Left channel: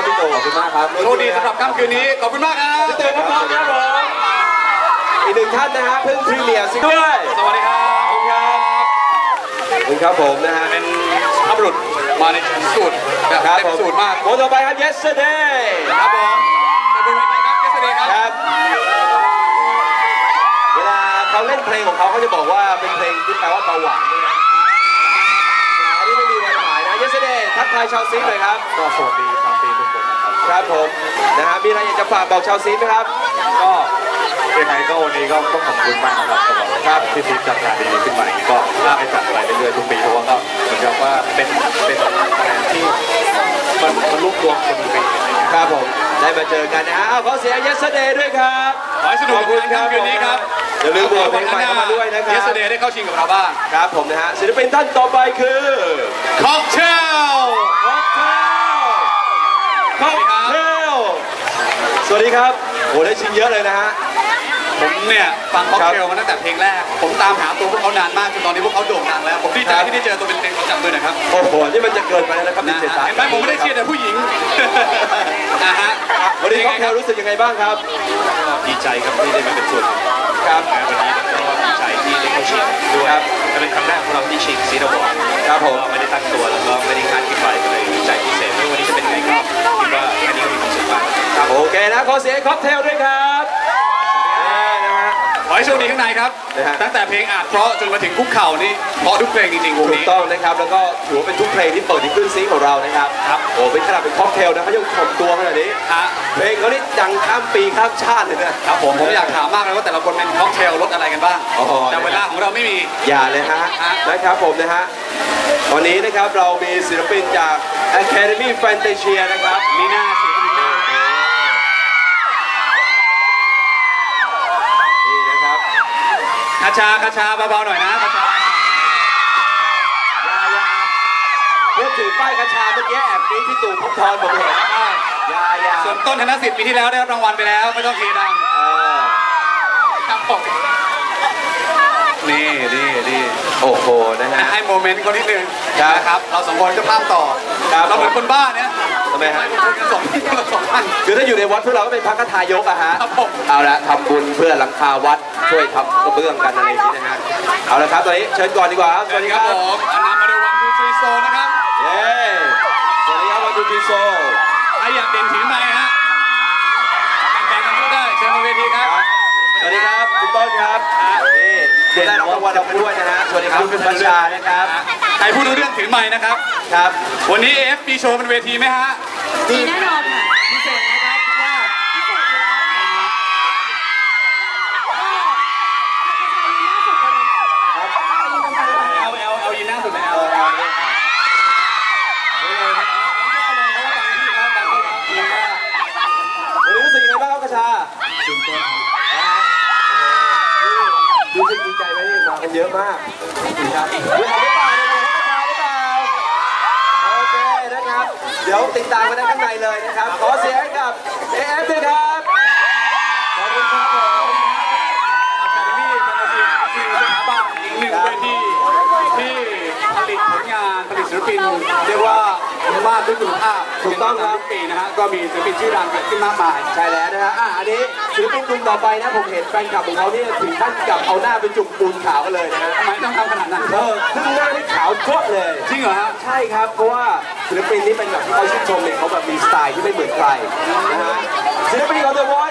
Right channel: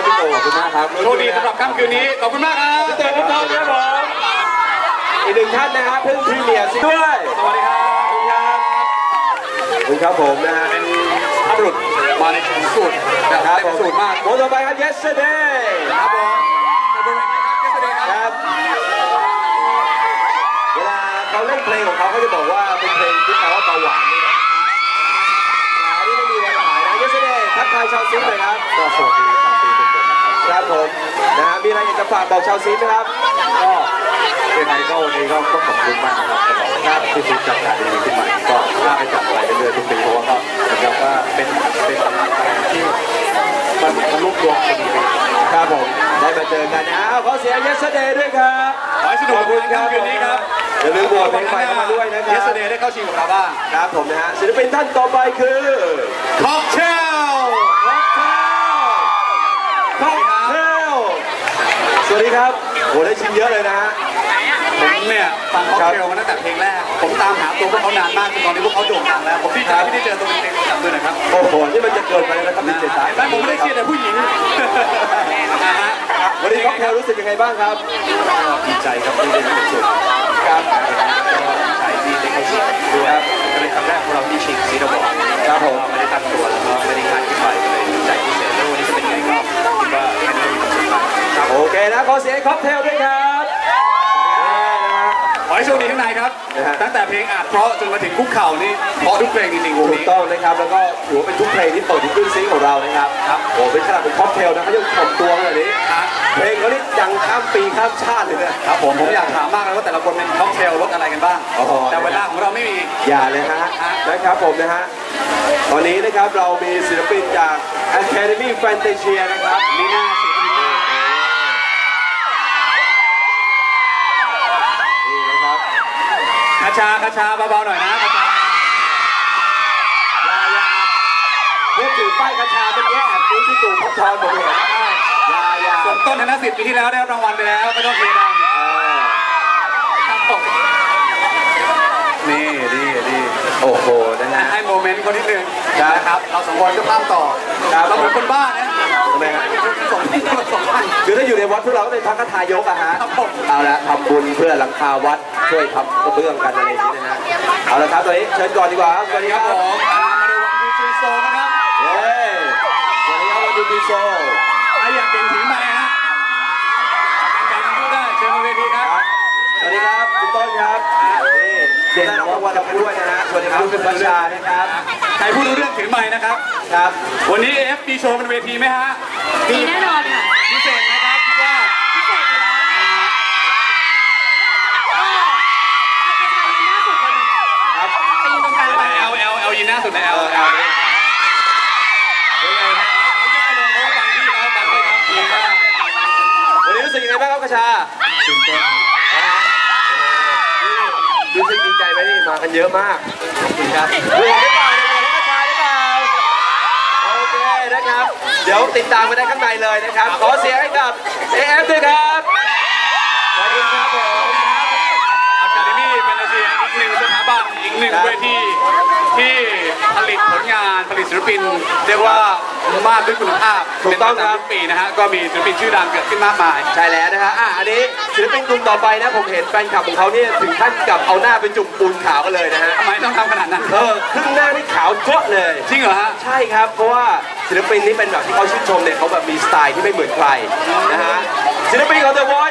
ครับพี่ตู่ขอบคุณมากครับโชคดีสำหรับค่ำคืนนี้ ขอบคุณมากครับพี่ตู่ครับครับผมอีกหนึ่งท่านนะฮะเพิ่งพรีเมียร์ซิงด้วยสวัสดีครับขอบคุณครับขอบคุณครับผมนะฮะเป็นทัพบุรุษมาในสูตรแบบครับเต็ผมมสูตรมากโมต่อไปครับ yesterday ครับผมขอบคุณครับเจสเดย์คครับรับเวลาเขาเล่นเพลงของเขาเขาจะบอกว่าเป็นเพลงที่แปลว่าเบาหวาน กทายชาวซิงหน่อยครับ ก็สวัสดีชาวซีทุกคนนะครับครับผมนะฮะมีอะไรอยากจะฝากบอกชาวซิงไหมครับ ก็เป็นไงก็วันนี้ก็ต้องขอบคุณมากนะครับสำหรับครับที่คุณจัดงานดีๆขึ้นมาก็น่าให้จัดไปเรื่อยๆทุกปีเพราะว่าก็เหมือนกับว่าเป็นเป็นอะไรที่มันมันรวบรวมคนดีไปครับผมได้มาเจอกันนะเอาขอเสียง yesterday ด้วยครับขอให้สนุกขอบคุณครับคืนนี้ครับ อย่าลืมโหวตเพลงใหม่เข้ามาด้วยนะคเจรับสเดย์ได้เข้าชิงกับเราบ้าง ครับผมนะฮะศิลปินท่านต่อไปคือค็อกเทลค็อกเทลค็อกเทลสวัสดีครับโหได้ชิมเยอะเลยนะฮะ ผมเนี่ยฟังค็อกเทลมาตั้งแต่เพลงแรก ผมตามหาตัวพวกเขานานมากจนตอนนี้พวกเขาโด่งดังแล้ว ผมดีใจที่ได้เจอตัวเป็นๆของจับมือหน่อยครับโอ้โหนี่มันจะเกินไปแล้วนะครับดีนะเจฮะสาย เห็นไหมผมไม่ได้เชียร์แต่ผู้หญิงนะฮะ วันนี้ค็อกเทลรู้สึกยังไงบ้างครับ ดีใจครับที่ได้มาเป็นส่วนหนึ่งครับวันนี้ก็ดีใจที่ได้เข้าชิงด้วยก็เป็นครั้งแรกของเราที่ชิงซีดอวอร์ดครับผมไม่ได้ตั้งตัวแล้วก็ไม่ได้คาดคิดไว้ก็เลยดีใจพิเศษไม่ว่าวันนี้จะเป็นยังไงก็คิดว่าแค่นี้ก็มีความสุขมากครับโอเคนะขอเสียงค็อกเทลด้วยครับนี่นะฮะขอ ให้โชคดีข้างในครับ นะฮะ ตั้งแต่เพลงอาจเพราะจนมาถึงคุกเข่านี่เพราะทุกเพลงจริงๆวงถูกนี้ ต้องนะครับ แล้วก็ถือว่าเป็นทุกเพลงที่เปิดที่ขึ้นซิงค์ของเรานะครับครับ โอ้เป็นขนาดเป็นค็อกเทลนะเขายังถ่อมตัวขนาดนี้ ฮะเพลงเขานี่ดังข้ามปีข้ามชาติเลยนะ ครับผมผมอยากถามมากเลยว่าแต่ละคนเป็นค็อกเทลรสอะไรกันบ้าง อ๋อ แต่เวลาของเราไม่มี อย่าเลยฮะ ฮะ นะครับผมนะฮะ ตอนนี้นะครับเรามีศิลปินจาก Academy Fantasia นะครับ มีหน้าเสียงมี คาชาคาชาเบาๆหน่อยนะคาชาอยาอยาเพื่อถือป้ายกระชาเมื่อกี้แอบนี้ที่ตู่พบทรผมเห็นอยาอยาส่วนต้นธนสิทธิ์ปีที่แล้วได้รับรางวัลไปแล้วไม่ต้องเสียดังเออครับผมนี่นี่นี่ โอ้โหนะฮะ ให้โมเมนต์เขานิดนึงครับนะครับ เราสองคนก็ภาพต่อครับเราเหมือนคนบ้าเนี่ยทำไมฮะ สองที่มาสองอัน คือถ้าอยู่ในวัดพวกเราก็เป็นพระคทายกอะฮะ ครับผม เอาละทำบุญเพื่อหลังคาวัดช่วยทำกระเบื้องกันอะไรอย่างนี้นะฮะ เอาละครับตอนนี้เชิญก่อนดีกว่าครับสวัสดีครับผมอันนามาดูวันทูทรีโซนะครับเย้สวัสดีครับวันดูพีโซใครอยากเด่นถือไม้ฮะแบ่งๆกันพูดได้ เชิญมาเวทีครับ สวัสดีครับคุณต้นครับนี่เด่นรางวัลเราด้วยนะฮะสวัสดีครับคุณบัญชานะครับใครพูดรู้เรื่องถือไม้นะครับ ครับ วันนี้ AF มีโชว์บนเวทีไหมฮะมีแน่นอนค่ะพิเศษไหมครับคิดว่าพิเศษอยู่แล้วก็ใครๆยืนหน้าสุดเลยครับไปยืนตรงกลางก่อนเอลเอลเอลยินหน้าสุดในเอเอลอเอเอาลเลยวันนี้รู้สึกยังไงบ้างครับกระชาตื่นเต้น กันเยอะมากครับดูหรือเปล่าดูหรือกระชาหรือเปล่าโอเคนะครับ เดี๋ยวติดตามกันได้ข้างในเลยนะครับ ขอเสียงให้กับ AF ด้วยครับขอบคุณครับผมอะคาเดมี่แฟนตาซีอีกหนึ่งสถาบันอีกหนึ่งเวทีที่ ลิตผลงานผลิตศิลปินเรียกว่ามากด้วยคุณภาพถูกต้องครับ เป็นมาตลดทุกปีนะฮะก็มีศิลปินชื่อดังเกิดขึ้นมากมาย ใช่แล้วนะฮะอะอันนี้ศิลปินกลุ่มต่อไปนะผมเห็นแฟนคลับของเขาเนี่ยถึงขั้นกับเอาหน้าไปจุ่มปูนขาวกันเลยนะฮะทำไมต้องทำขนาดนั้นเออครึ่งหน้านี่ขาวจ้วะเลย จริงเหรอฮะ ใช่ครับ เพราะว่าศิลปินนี้เป็นแบบที่เขาชื่นชมเนี่ยเขาแบบมีสไตล์ที่ไม่เหมือนใครนะฮะศิลปินของ The Voice